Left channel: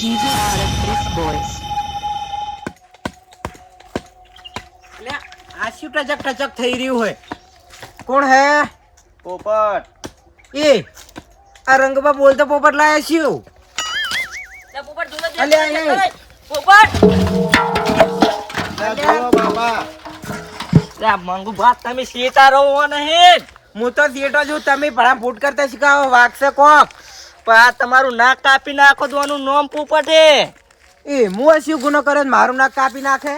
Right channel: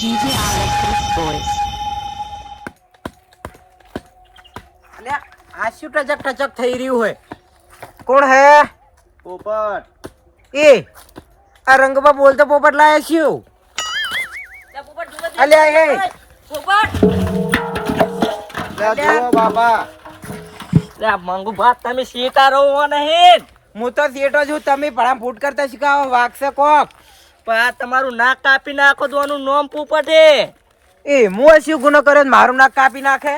GG38 boys. અલ્યા આ શું ટચક ટચક થઈ રહ્યું હોય? કોણ હે? પોપટ. એ આ રંગબા બોલતો પોપટ લાયા શું? અલ્યા એ લે જુઓ બાપા. મંગુ ભાત તમે સીતા રહો નહીં. હું તો સેટો છું, તમે ભણા ફૂટ કરતા શીખાવો વાગશે કોક. પણ આ તમારું નાક કાપી નાખો તો આનું નામ પોપટ હે. એ હું શું ગુનો કર્યો ને મારું નાક કાપી નાખે?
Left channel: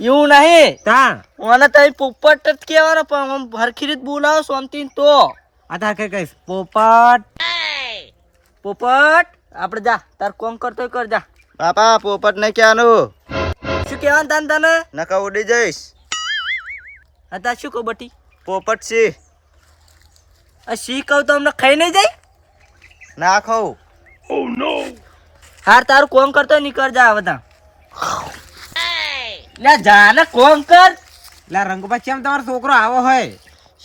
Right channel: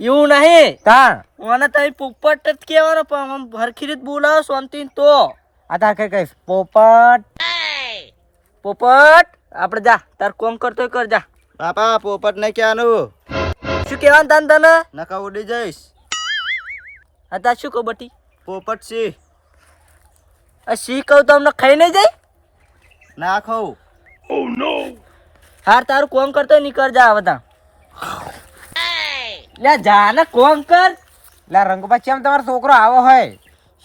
એવું નહીં. તા મને તમે પોપટ જ કહેવાનો, પણ આમ હરખી રીત બોલાવો શાંતિથી તો. આ તાર કઈ કઈશ પોપટ. પોપટ આપણે જા, તાર કોમ કરતો કર જા. બાપા પોપટ ને ક્યાંનું શું કહેવાનું તને? નકા ઉડી જઈશ. અત્યારે શું કહું બટી? પોપટ સી આ શી કહું તો અમને ખાઈ નહીં જાય. ના ખાઉં. હાર તારું કોમ કરતો નીકળ જા બધા. લે જા ને કોમ કર. લા રંગબા ચેમ તમારો છોકરો આવો હોય?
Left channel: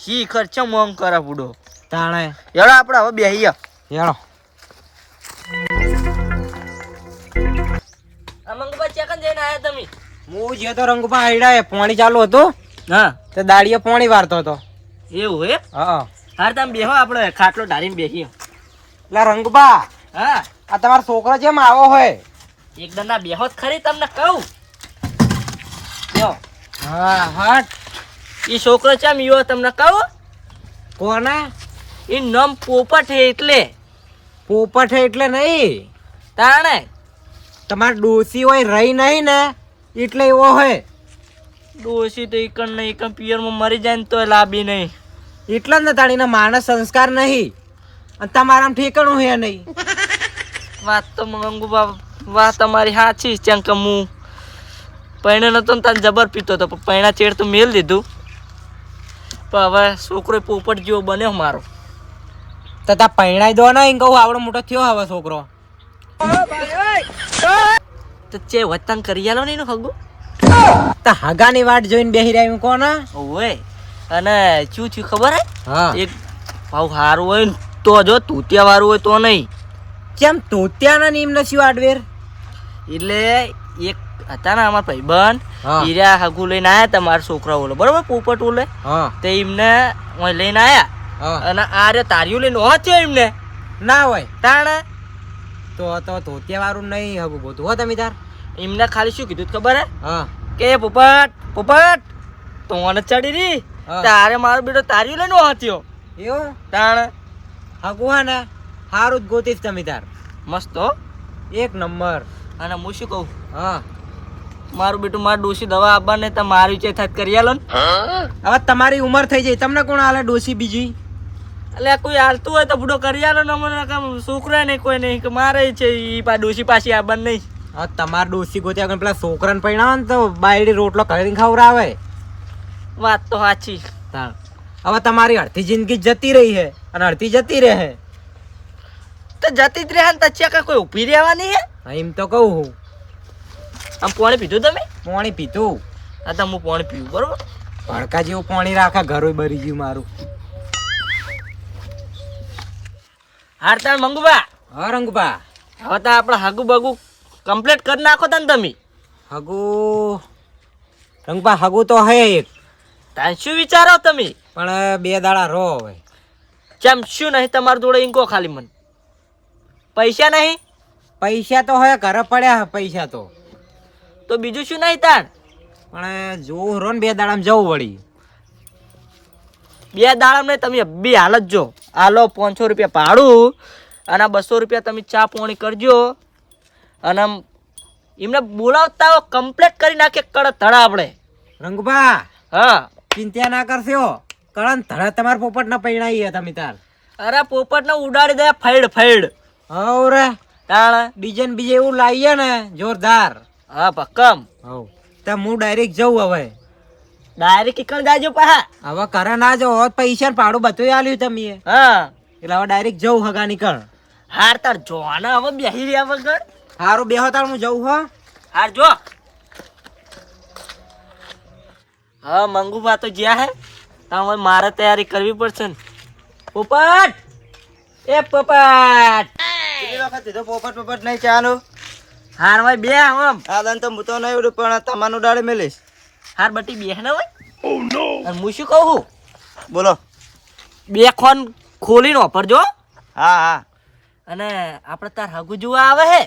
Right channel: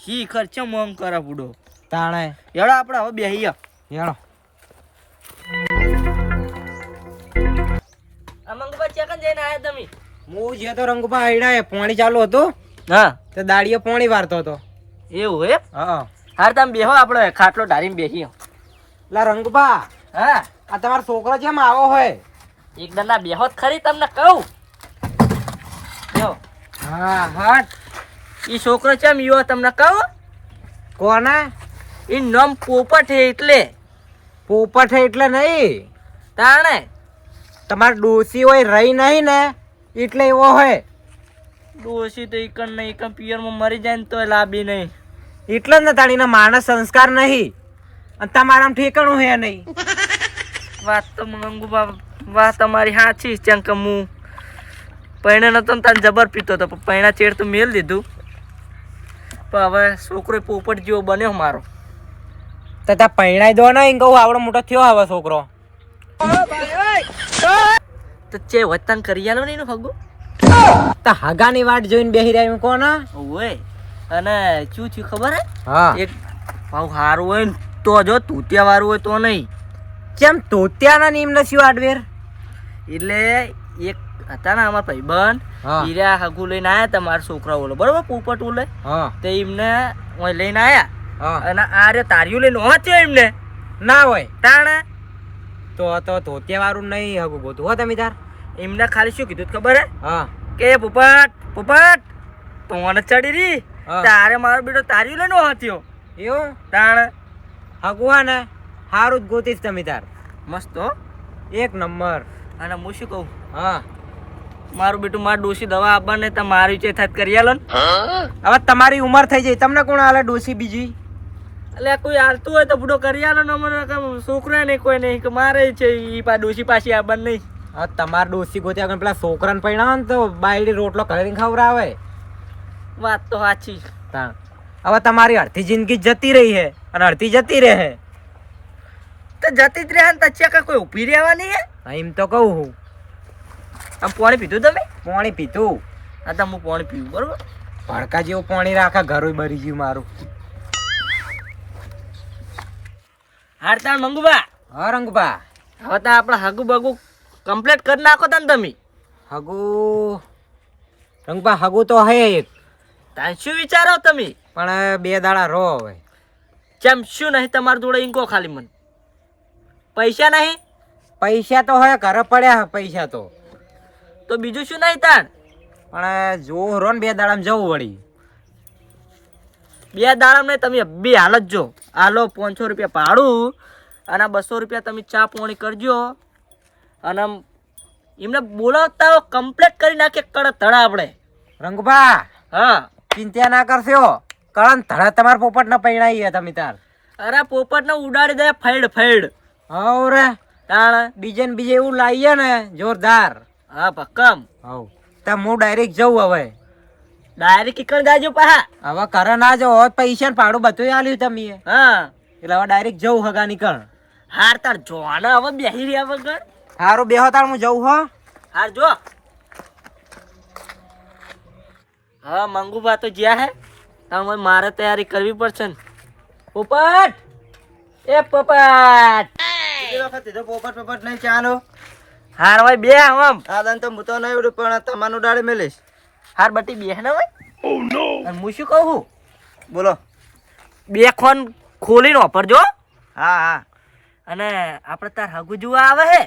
શી ખર્ચો મોમ કરે બુડો. તાણે એડો આપણે હવે બેહીએ. હેળો અમંગબા ચેકન જઈને આયા તમે? હું જે તો રંગબા આઈડા પાણી ચાલુ હતું હા તો દાડીએ પાણી વારતો હતો. એવું હે? હા હાર તમે બેહો, આપણે ખાટલો ઢાળીને બેહીએ. લા રંગબા હા આ તમારો છોકરો જેમ આવો હોય? એકદમ ના બેહો જ ખરી, તમને કહું. બેહો. હા હટ. ઈ છોકરો ચમ ઈવો તમને કહું? કોના? ઈ નામ પોપટ હે એટલે. પોપટ હે એટલે નહીં, તાણે તમારે ડોસી હોય રહી નહીં ને એટલે એવો હોય. ડોસી તો ઈકણ ને ઈકણ પિયરમાં મરી જાય ને તોય લાભી નહીં. એટલે જ ને તાણીના માણસ સંસ્કાર નહીં અને તમારામાં ઠેકાણું હે નહીં. વાત તો મંગુબા વાત તમારી સાચી. ચંક હું પૈણે નતો ને તાન જબર પીતો હતો, પણ પૈણા ચેડ તો મેલ દીધું. પણ હવે છોકરો પોપટ જેવો બન્યો મારો. તો તા પૈણાઈ દો ને, એમ કહું આવડો મોટો થયો હવે છોકરો. તો ચે વતન કરી આલો ને એનું હગું. તા હગાની વાટ જોઈને બેહી રહ્યા કોણ? ઓય અને શું થયું ખબર હે? હા એક ભાવ સારું હોય ને તો જો, તૂતિયા વાળું હોય તો નહીં. કેમ તોત્યાના ને એમને શું આડવેર? એટલે એક હતા ને અમારા ભાઈબંધ, હા. હીરા હગુ લઈને આયા તમારા છોકરા ઓલે બરોબર, પોપટ ઓલે. હા તે એમને ઓય લઈને આયા હા અને આ રે તારીઓ લઈને હોત્યો એમને. ના હોય તાણે તો ધોતિયા વાળું નહીં હગું ગોતું હો તમે તાર. એમને ખાલી શું કીધું ખબર હે? હા કે પોપટ પોપટ તો મને ચડી રી હા. તારે મારો બેટો તારીઓ લઈને હોત્યો. એવું તાણે હગું હા ને સારું જ ગોતીશ તમે તાર. મસ્ત હો. એક નંબર. અને હું શું કહું, હા મારું બેટું મારું ડોસી દવા આપવા ને તો મારી ચે થાત કરી આલો ને. હવે તમારી ઉંમર થઈ જાય, તમને કોણ આલે ડોસી બીજી? એટલે કોઈ હાલતું હોય તો બુડો કરી આલો ને. અમને છોકરા નહીં કોઈ નહીં કે મારે છે ઈ પા ડોસી પાછી આ બંધ નહીં. હા તમારે ડોસી ગોત્યા આગળ પેલા છોકરાને પૈણાવો ને તો બાયડી રોટલો કરીને ખવડાવે. વાત તો સાચી. તાણ હવે તમારી અડધી જિંદગી જતી રહી છે અને અડધી જતી રહે. તો જતી જ રહે ને તો ચેકા કોઈ ઊભી રહેવાની હે? હા, એમ તો કહું હું. આમ પાણી પીધું તમે? પાણી પીતું હા તો હું પાણી પીવું બરોબર. ભડકા જેવું પાણી રાખા, ઘરોય બરી ગયું મારું. હાર તાર મંગુબા, હા રંગબા હવે તો આપણે હગુ બગુ કમ્પ્લીટ કરી નાખો તા ને તમે. હગુ રંગબા હગુ તો હે એક, તાર શું વિચારો તમે? પણ 2 દાડા રહો હવે. ચમ શું નહીં તમારી જોડે ઇન્કો ખાલી મને? પૈસા નહીં? પૈસા તો હોય ઘરે પડ્યા પૈસા તો, તો બીજું શું નહીં તાણ? પણ જોવું રો ને 2 દાડામાં જવું વળી. 2 દાડા નહીં, તમે બે હાલત જો. હાલો 500 રૂપિયા ભાડું અને 200 રૂપિયા તમે ચા પાણી કરજો. અને એમને બોલાવતા કમ્પ્લીટ કરી નાખીએ કડક ધડા આપણે. રંગબા હા ચિંતા ના કરશો, કળન ધડા તમારા પોપટ ના પૈણાઈ તમે તાર. અરે પોપટ ને ઉડાડી દે ફેડ ફેડ. હવ રે તાણ ડિઝાઇન બીજે એવું લાવીએ ને જોરદાર. હા ભક્કમ. હવ તો હું ડાયરેક્ટ જઉં હવે. ડાયરેક્ટ કીકણ જાજો પાહા. હવે ઘરે ના જાઓ, હોત પૈસા ને ભાડું બધું આલ્યું તમે, હા એટલે હવે ડાયરેક્ટ જવું હગા નીકળ. હાર તાર જોવાના હવે બેહી રહ્યા વગર. સારું બેહો તાર હું જઉં હો. હાર જો. હા મંગુબા તો જ્યાં હે તાર મારે તૈયારી કરવી પડશે ને. પોપટ એ પોપટ વખત કીધું પોપટ પોપટ નહીં ચાનું. હાર હોય બે આમ આ દાન તો હું તો નહીં ઉડું પણ તમારું ડાળે મેલીશ. હાર બટી બે ને હોય અને હું શું કહું છું? બોલો. બે ખોન ખોલીને વાપરજો હા હા. અને આપણે તાર હગુ જોવા આવે હે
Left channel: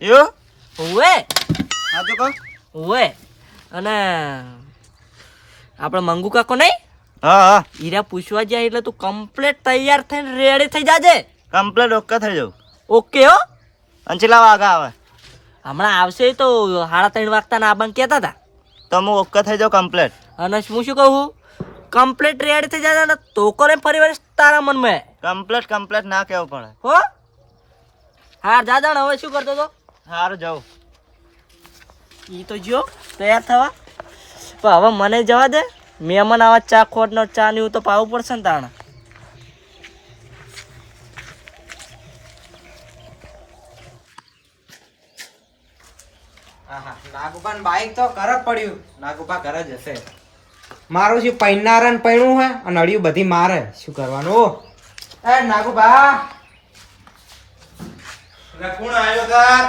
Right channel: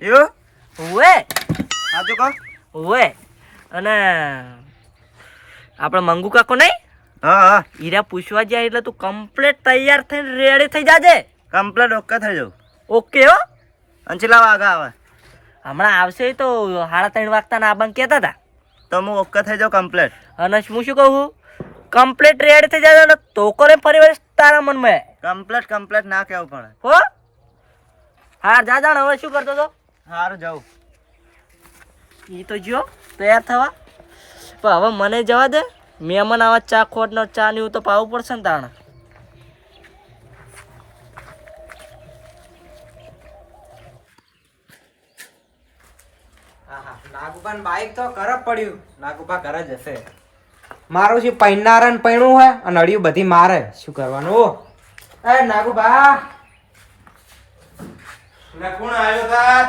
એવું ઓવે સાચું કહો. ઓવે અને આપણે મંગુ કાકો નહીં હા હા હીરા પૂછવા જાય એટલે તું કમ્પ્લીટ તૈયાર થઈને રેડી થઈ જાજે. કમ્પ્લેટ ઓકે થઈ જાઉં. ઓકે હો. અને છેલ્લા વાગા આવે હમણાં આવશે તો 3:30 વાગતા ના આબાને કહેતા હતા. તો હું ઓકે થઈ જાઉં કમ્પ્લેટ. અને હું શું કહું કમ્પ્લીટ રેડી થઈ જાય ને તો કરે ફરી વાર તારા મનમાં કમ્પ્લેટ કમ્પ્લેટ ના કહેવું પડે. હો હા જા જાણ હવે શું કરતો તો સારું જાઉં. એ તો જો તૈયાર થવા પણ હવે મને જવા દે મહેમાન આવા ચા ખોટ ને ચા ને એવું તો પાવું પડશે ને તાણે. નાગુપાન બાઈક તો ઘરે પડ્યું. નાગુપા ઘરે જ હશે. મારું શું પૈનાર ને પૈણું હોય અને અડિયું બધી મારે શું કરવાનું. એ નાગુબા કોણ આવ્યો તા?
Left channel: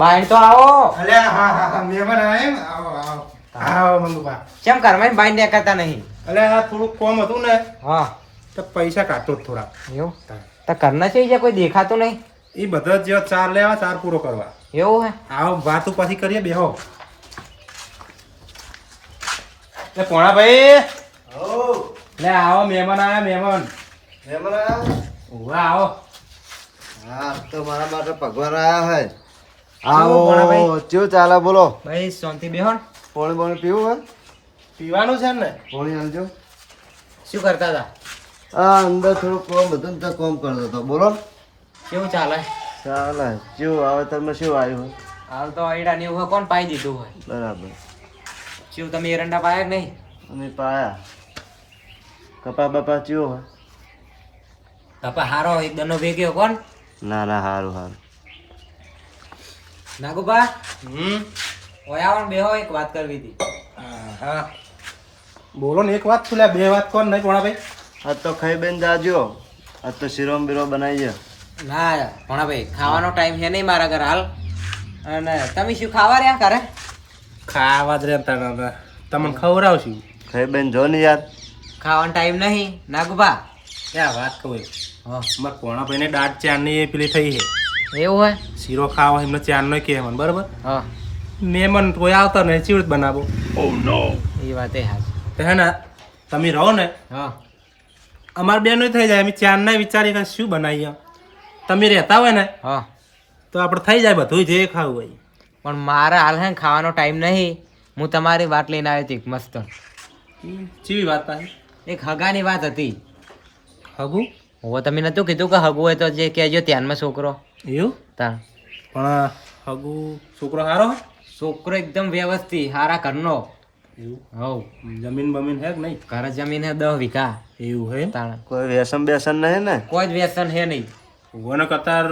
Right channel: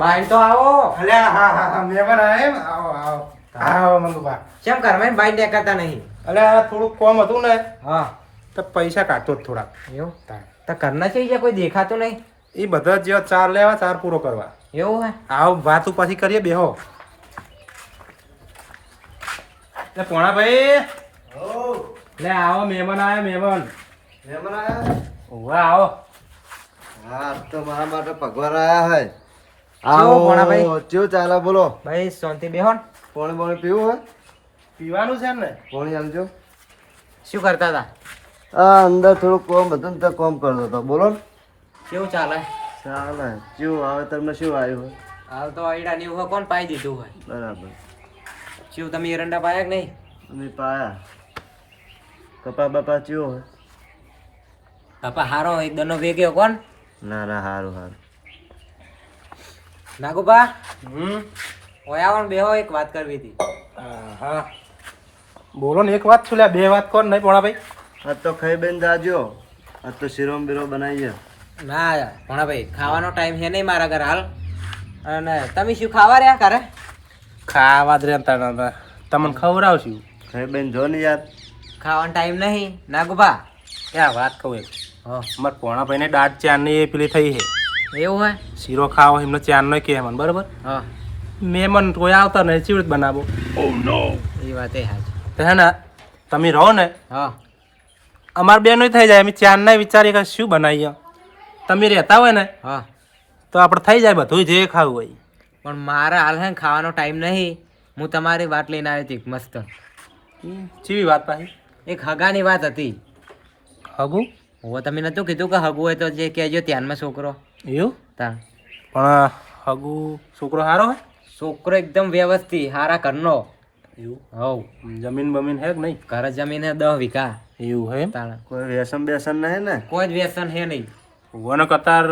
બાઈન તો આવો. અલ્યા હા હા હા મહેમાન આયા એમ? આવો આવો આવો મંગુભા. કેમ ઘરમાં બાઈન ને કરતા નહીં? અલ્યા થોડુંક કોમ હતું ને હા તો પૈસા કાઢતો જ થોડા. એવું તો ઘરના છે કોઈ દેખાતું નહીં. એ બધા જે ચાર લેવા ચાર પૂરો કરવા. એવું હે આવો વાતું પછી કરીએ બેહો. એ પોણા ભાઈ લે આવો મહેમાન આયા મહેમાન. ઉભા આવો. હા તો મારા માટે પગવાર આયા હોય. ભોણાભાઈ? આવો ચેવું ચાલે બોલો. ભાઈ શાંતિ બેહો ને. પાણી પાણી પીવું હોય? પીવાનું છે ને? પાણી આલજો. શું કરતા હતા? આ અંદર થોડું કોમ હતું ને તો કોમ કરતો હતો. બોલો ને. કેવું ચાલે? ચાલે. ચેવું આવે તમે શું આવ્યું હોય? હાલ તો આઈડા ને એવું કોણ પાઈ દીધું હોય? બરાબર. શું તમે એરંડા પાયા કે નહીં? અમે પાયા. કપા બાપા ચેવો હોય? બાપા હારો એક દનો ભેગ્યો કોણ? ના ના સારું સારું. નાગુબા હમ ઓય આવો ને બેહો એક વાત કરવી હતી. હા બોલો ને. એક વાત શું લે બે વાત કોણ નહીં પોણા ભાઈ? આજ તો ખાઈ બેન જાજો. આજ તો શીરો બીરો બનાવીએ. ના ભણાભાઈ ખાવાનો ટાઈમ છે નહીં મારા ઘર હાલ. અને તમે શું ખાવા રહ્યા ઘરે? ખાવા જ રહેતા તમને ખવડાવશું. ખાઈ બેન જો ને યાર. ખાવાનો ટાઈમ નહીં નાગુબા. ક્યાં વાત કહું એક. હા મારા પોણા ભાઈને દાઢ ચારની એ પેલી થઈ છે. એવું હે? શીરો ખાવો એમને ચારનો કે મને બરાબર. હા મહેમાન કોઈ આવતા નહીં ચીવડ બનાવો. એ વાત એ હાચ. તો હે ને તમે રહો ને હા અમારે બેનો થઈ જાય. અમે ચારના વિચારીએ કે શું બનાવીએ. તમે રહેતા હોય ને હા તો આપણે થઈ જાય બધું જે ખાવું હોય. પણ મારે હાલ હે ને ખાવાનો ટાઈમ નહીં. હું તમારી વાત લઈને આવી હતી મસ્ત. ચીવી વાત પાછી? એક હગાની વાત હતી. હગું? હવે તમે નતું કીધું કે હગું હોય તો જે કહેજો ધ્યાનમાં છોકરો. એવું? તા પણ હગું છોકરો સારો હોય? છોકરો એકદમ વ્યવસ્થિત હારા ઘરનો. એવું? હવ જમીન બમીન હે કે નહીં? ઘરે જમીન હે 10 વીઘા. એવું હે એમ? તાણ કોઈ વ્યસન બેસન નહીં ને? કોઈ જ વ્યસન હે નહીં. ઉવાનો કતાર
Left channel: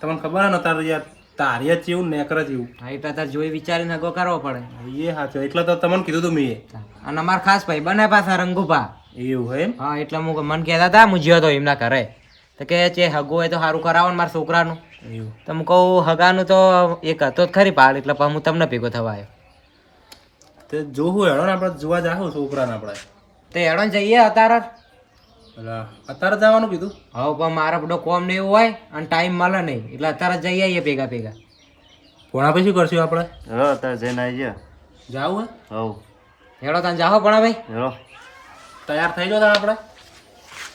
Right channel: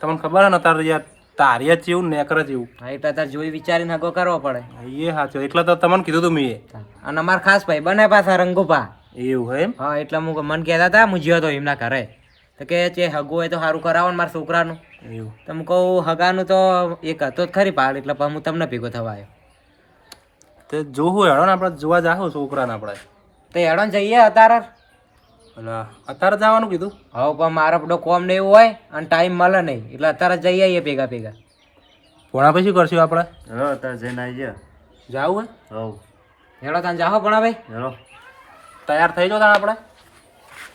તમને ખબર હે ને તાર યાર તારીએ જેવું નેકર જેવું. હા એટલે તાર જોઈ વિચારીને હગો કરવો પડે. એ સાચું. એટલે તો તમને કીધું તું મેં. અને અમાર ખાસ ભાઈ બને પાછા રંગુભા. એવું હે એમ? હા એટલે હું મન કહેતા હતા હું જ્યો તો એમના ઘરે તો કે છે હગું હોય તો સારું કરાવો ને મારા છોકરાનું. એવું? તો હું કહું હગાનું તો એક હતો જ ખરી પાડ એટલે પછી હું તમને ભેગો થવા આવ્યો. તે જોવું હેડો ને આપણે જોવા જાહું છોકરાને આપણે. તો હેડો ને જઈએ અત્યારે. એટલે અત્યારે જવાનું કીધું? હવે પણ મારા બધો કોમ ને એવું હોય અને ટાઈમ મળે નહીં એટલે અત્યારે જઈ આવીએ ભેગા ભેગા. પોણા પછી શું કરશું આપણે? હેલો અત્યારે જઈને આવી ગયા. જાવું હે? હવ હેડો તમે જાઓ પણ ભાઈ. હેલો. તૈયાર થઈ જાઓ આપણે.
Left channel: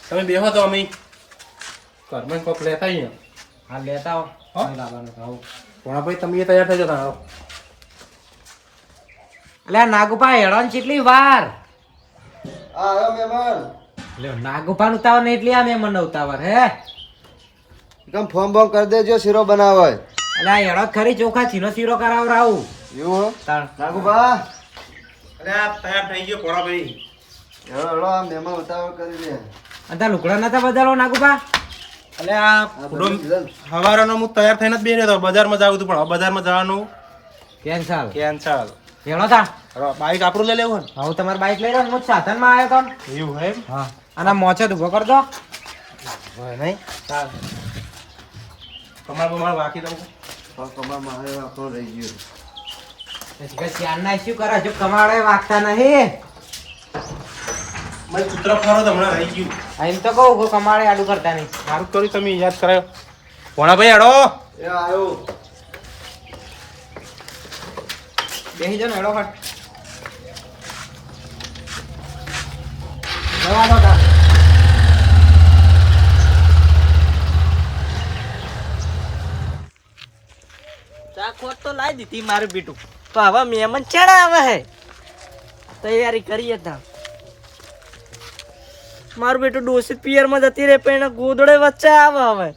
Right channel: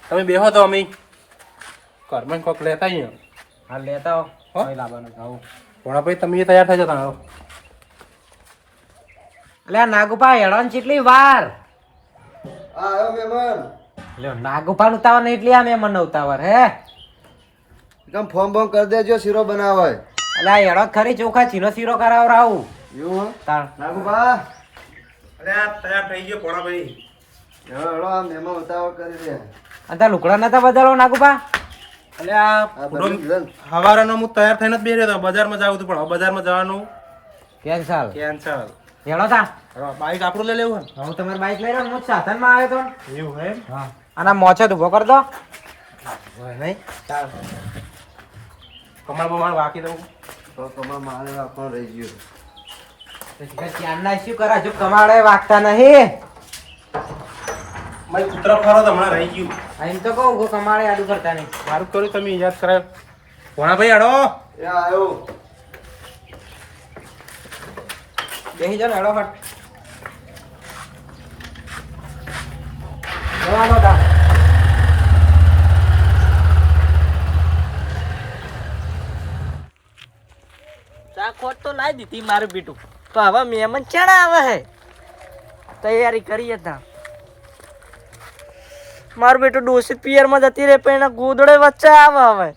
તમે બેહો તો અમે ઘરમાં કોક લેતા આવીએ. હા લેતા આવો. હો? અહીં લાવવાનું. હા પોણા પછી તમે તૈયાર થઈ જાઓ તમે. એટલે નાગુપા હેડો ને કેટલી વાર. હા આવ્યો મહેમાન. લ્યો નાગુપાનું ઉતાવળ નહીં એટલી આ મેં મને ઉતાવળ હે. એકદમ ફોર્મ બોમ કરી દેજો શીરો બનાવો હોય. એટલે આ હેડો ખરી ચોખા ચીનો શીરો કરાવરાવું. એવું હોય? તાણ નાગુબા અરે આ તૈયાર થઈ ગયો પોણા ભાઈ. હેલો હેલો આ મહેમાન ઉતાવળ કરી રહ્યા. અને તાર લુકડા નતા બદલો નાગુપા? એટલે આ સવારનો હું તૈયાર થઈને જ બેઠો હતો. બજારમાં જાવું હતું પણ હવે બજારમાં જવાનું કેન્સલ. કેન્સલ. હેડો તા. હવે બાઈક આપણું લઈ લેવું ને? હું તમારી બાઈક લઈ રહ્યો હું સાધનમાં આવ્યો તો. એવું હે એમ? હા અને મોચે ઉભો કર દો. હોય નહીં? તાર કમળ બમળ વાકી દઉં તો કમા મારે રાખો રહી ગયું. ભાઈ ચાંદના શું કરે હજુ કમાડે વાગતા નહીં. ભાઈ પુત્ર ફરો તો હમણાં રહી ગયું. એમ તો કહું કોઈ કમાડે આડું કરતા નહીં. સારું કર્યું તમે યાદ કરાયો. ભોણાભાઈ હેડો. એ આવ્યો. બેસી જાઓ ને હેડો ફટ. જવાનો તા. ચા ખોટ તો લાવી દીધી મારું બેટું. તો હવે મહેમાન ચેડા આવે હે તૈયારી કરીએ તા. મારું બેટું ડોસી પિયરમાં જતી રહે પણ એના ગોદડે વચ્ચે આવે હવે.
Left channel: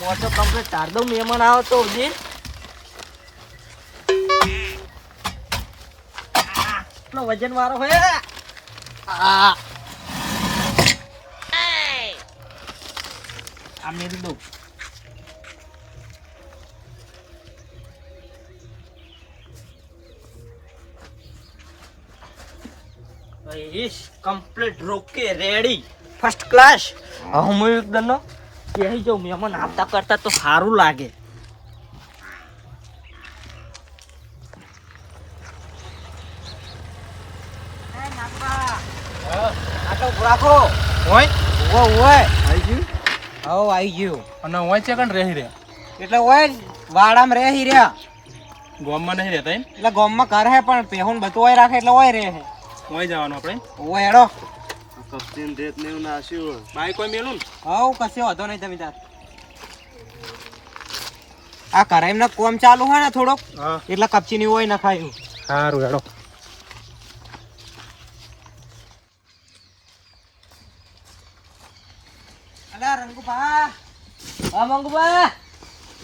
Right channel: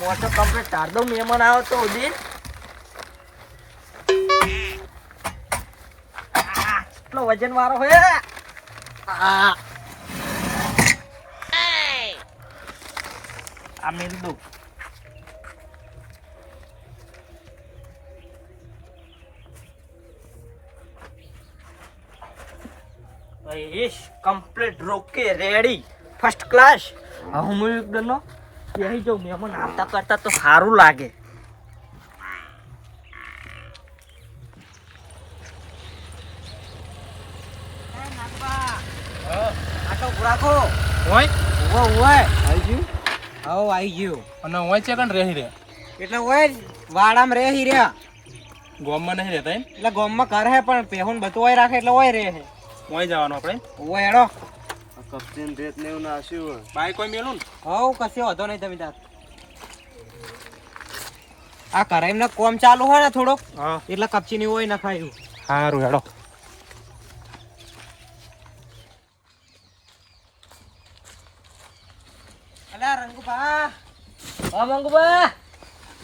મોટો કમ્પ્લીટ તાર દો મહેમાન આવે તો દિન એટલો વજન વાળો હોય. આ મેરી દો. કમ્પ્લીટ રોકે રેડી ફર્સ્ટ ક્લાસ. હું એકદમ કહી જાઉં મહેમાન આવતા કરતા તો સારું લાગે. આટલો રાખો. હોય ઓય આવી ગયું. આવો આવી ગયું. અને હોય છે કણ રહી રહ્યા. એટલે ઓય વાડામાં રહી રહ્યા. ગોમમાં નહીં રહેતા એમ. એટલે ગામમાં ઘર હે પણ પેહુન બધું ઓય રાખે એટલે ઓય રહે છે. હોય જવાનું આપણે. ઓય હેડો. કપચીન રેત ને એવું નાસ્યું હોય. બાઈક કોઈ મેલું ને. હવ કશો વાંધો નહીં તમે તાર. આ કરાઈમના કોમ ચાલુ હોય ને થોડોક હા એટલે કપચીની હોય નખાયું. સારું હેડો. અલ્યા રંગુભા. હા મંગુબા.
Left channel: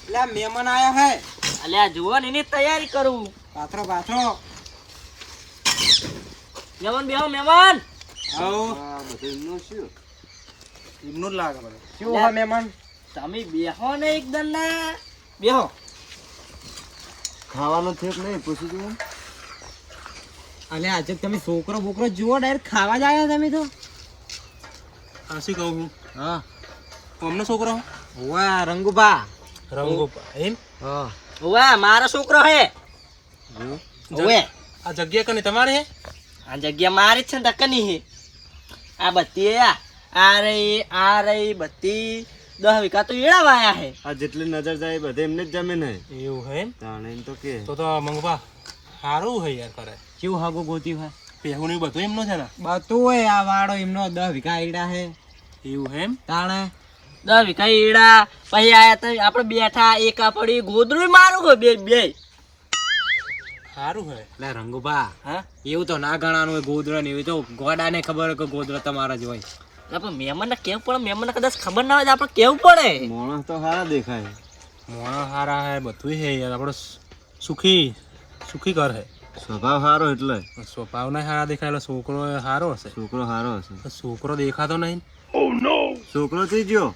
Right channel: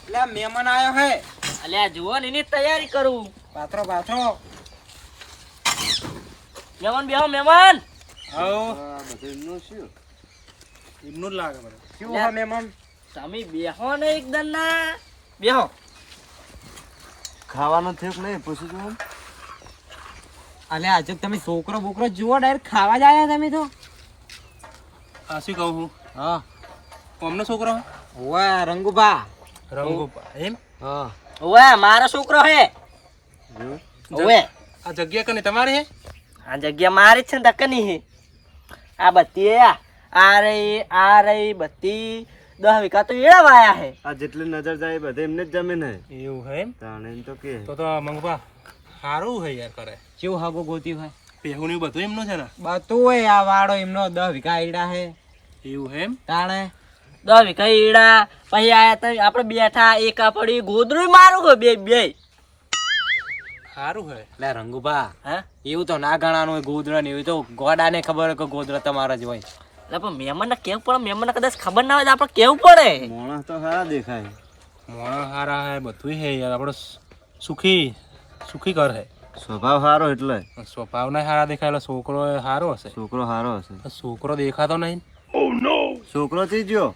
અલ્યા મહેમાન આયા હે. અલ્યા જુઓ ને એની તૈયારી કરું. પાથરો પાથરો. મહેમાન બેહો મહેમાન. આવો આ બધું એમનું શું? એમનું જ લાગે બધું. શું હે મહેમાન? તમે બેહો ને એકદમ ના બેહો. ખાવાનું થયું કે નહીં પૂછું છું. અલ્યા આજે તમે છોકરો બોકરો જુઓ ડાયરેક્ટ ખાવા જ આયા તમે તો. આ શું કહું હું. હા કોમનો છોકરો ઓય રંગુભા. રંગો એમ. હા ઓવે મારો છોકરો હે. જો ઓવે આ જગ્યા કને તમારી હે. આ જગ્યા મારી જ છે ને દકની હે. આ બધી આ રહી બધી 10 વીઘા તો એડા વાયા હે. આ જેટલી નજર જાય બધે એમને જ જમીન હે. એવું હે એમ. તાણે એમ તો કે તો મંગપા સારું હે યાર કરે. કેવું હાગો ગોત્યું હે? પેહું ને બધું એમનું છે ને. બધું હોય આ વાડો એમનો 10 વીઘા આયડા હે. એવું હે એમ. તાણે 10 વીઘા એડા પછી આયા તો આપણે બેઠા એક આ પડી ગોદરું મારું હો બે બે. સારું હે. લે રંગુભા હા એવું તો ના ગણાનું હોય ગોદરા ને એવું તો ગોડાને ખબર હોય કે ગોદરા તમારા જ હોય. એટલે પણ મહેમાનને કેવું પડે. મહેમાનને કદાચ ખબર ના હોય તો આપણે કેવું પડે. માણસ તો સારા દેખાય. મોણા હારા હે બધું હે યાર. આપણો સુખી ઘર હે. સ્વભાવ સારો એટલે સ્વભાવ ના હારા દેખાયેલો. છોકરો સારો હશે. છોકરો સારો હશે. છોકરો દેખાતો નહીં. છોકરો થી ગયો.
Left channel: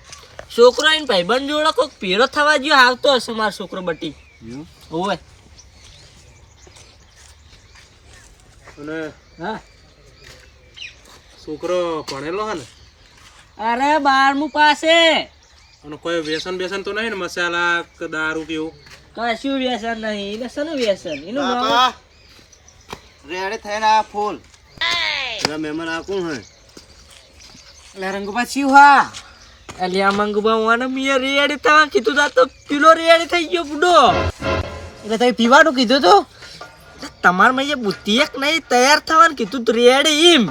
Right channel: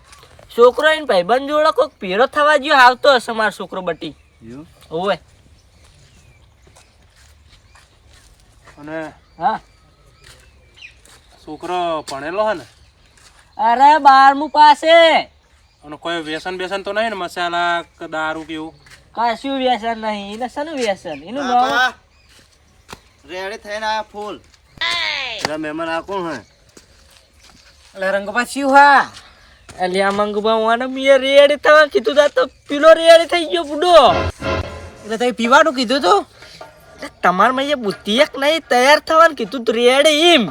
છોકરો એને ભાઈબંધ જોડે કોઈક પીળો થવા ગયો આવતો હશે મારો છોકરો બટી. જો ઓવે અને હા છોકરો ભણેલો હે ને. અરે 12મું પાસે. અને કોઈ વ્યસન તો નહીં ને. મસાલા કે દારૂ કેવું. કશું વ્યસન નહીં. એને શાનું વ્યસન? એનું રેડી થઈને આ ફૂલ મહેમાન આ કોણ હે? એટલે રંગુભા શું હા? અલ્યા મંગુબા વાને મીએ રેડી થવા કીધું તા તો પીલો રેડી થઈ ગયો બુડો. એટલે તમે પીવાનું કીધું તું? તમાર મઈએ બુદ્ધિ એક નહીં તૈયાર થવાનું કીધું તું રેડી એમ.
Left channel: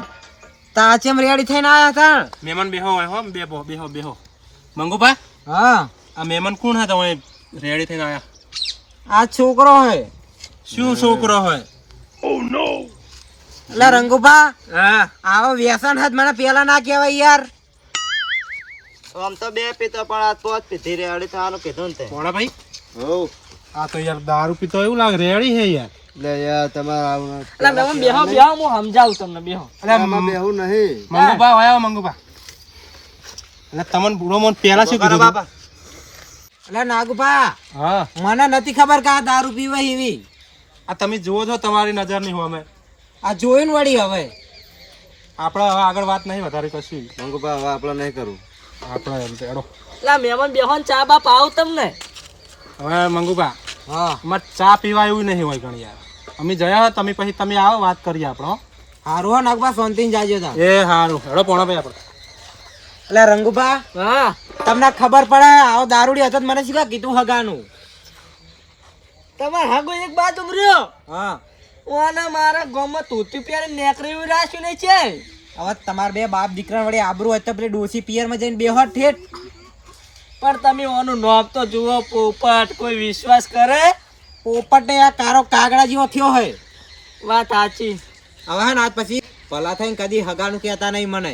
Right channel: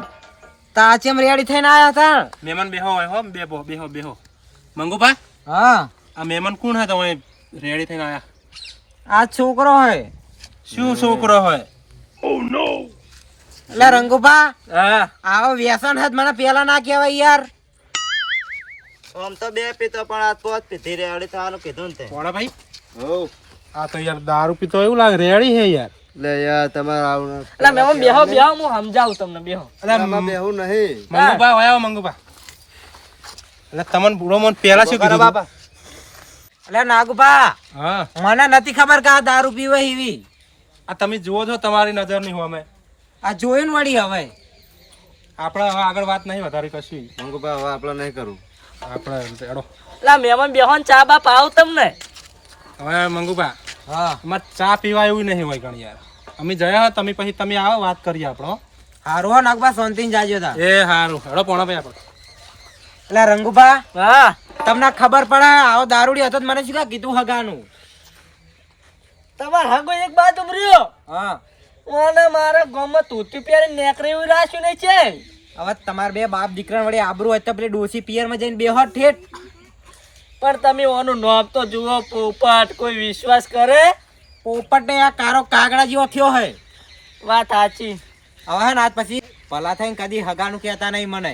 તાચેમ રેડી થઈને આયા તા. મહેમાન બેહો હોય હો. બેહો મંગુભા. હા આ મહેમાન કોણ હે તમે રેડી થઈને આયા? આ છોકરો હે. શું છોકરો હોય? એટલે રંગુભા હા આવો વ્યસન હદ મને પેલા ના કહેવાય યાર. આમ તો બે પીતો પણ આ પોત પીધી રેડી થવાનું કીધું ને તે. કોણા ભાઈ? હો આ તો યાર દારૂ પીતો એવું લાગે. રેડી હે યાર. લે યાર તમારે આવું એટલે મેં બેહો હું સમજાવું તમને બેહો. આમાં બેહું નહીં. મંગુભા હોય મંગુભા. એટલે તમને પૂરો મન પેલા શું કીધું તું? એટલે નાગુભા હા મને નથી ખબર કે આ દારૂ પીવે એવી. આ તમે જુઓ છો તમારી નજર નહીં હોમે. આ જોયું ને વળી હવે. આપણે હવે આગળ વાત નહીં વધારે કશું. મંગુભા હવે આપણે નહીં કરવું. આપણે એડો લા મહેમાન બેહોન ચા બા પાવ તમને હવે મંગુભા હા અમારે ચા પીવા એવું નહીં હોય ગણ યાર અમે જયા હોય તમે પછી તમે આવો વાત કરીએ આપણો હારું હો નાગભા શાંતિથી જાજો તા એ સારું હેડો પોણા ભાઈ આપણે એટલે રંગુભા હા તમને ખબર પડે આવો દારૂડી હતો તો મને શું કીધું હગાનું તમાર હાગો એક બાજુ રહ્યો હા ઓને મારા ગામમાં તૂતી પહેરે નેકરી એવું રાખ્યું નહીં છે હવે તમારે બે બાપ દીકરા વળી આબરૂ હોય તો પેલી ડોસી પિયરમાં જઈને બેહો ઠેઠ પણ તમે ઓનું નોમ તો જુઓ પોપટ કોઈ વિશ્વાસ કરે પોપટે આ કારો કાગડા જેવો થયો હે વાત સાચી હવે હે ને આજ પછી ભલા થઈને કદી હગાનું કહેતા નહીં મને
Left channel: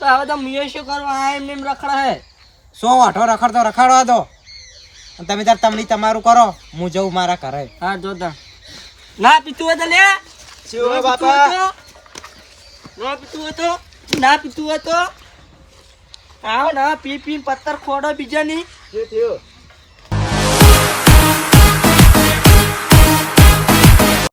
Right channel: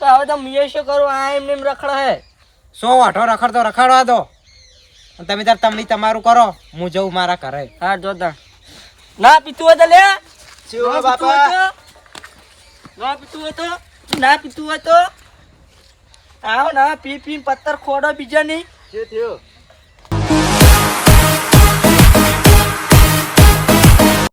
તો હવે તો મિયો શું કરું આ એમને એમ રખડે હે સો વાઠો રખડતો રખડવા દો અને તમે તાર તમની તમારું કરો હું જઉં મારા ઘરે હા જોતા ના પીતું હોય તો લે શું ના બાપા? પીતું હોય તો? ના પીતું હોય તો ના પીતું હોય તો આવો ના પી પી પત્તર ખોડો બીજા નહીં શું થયું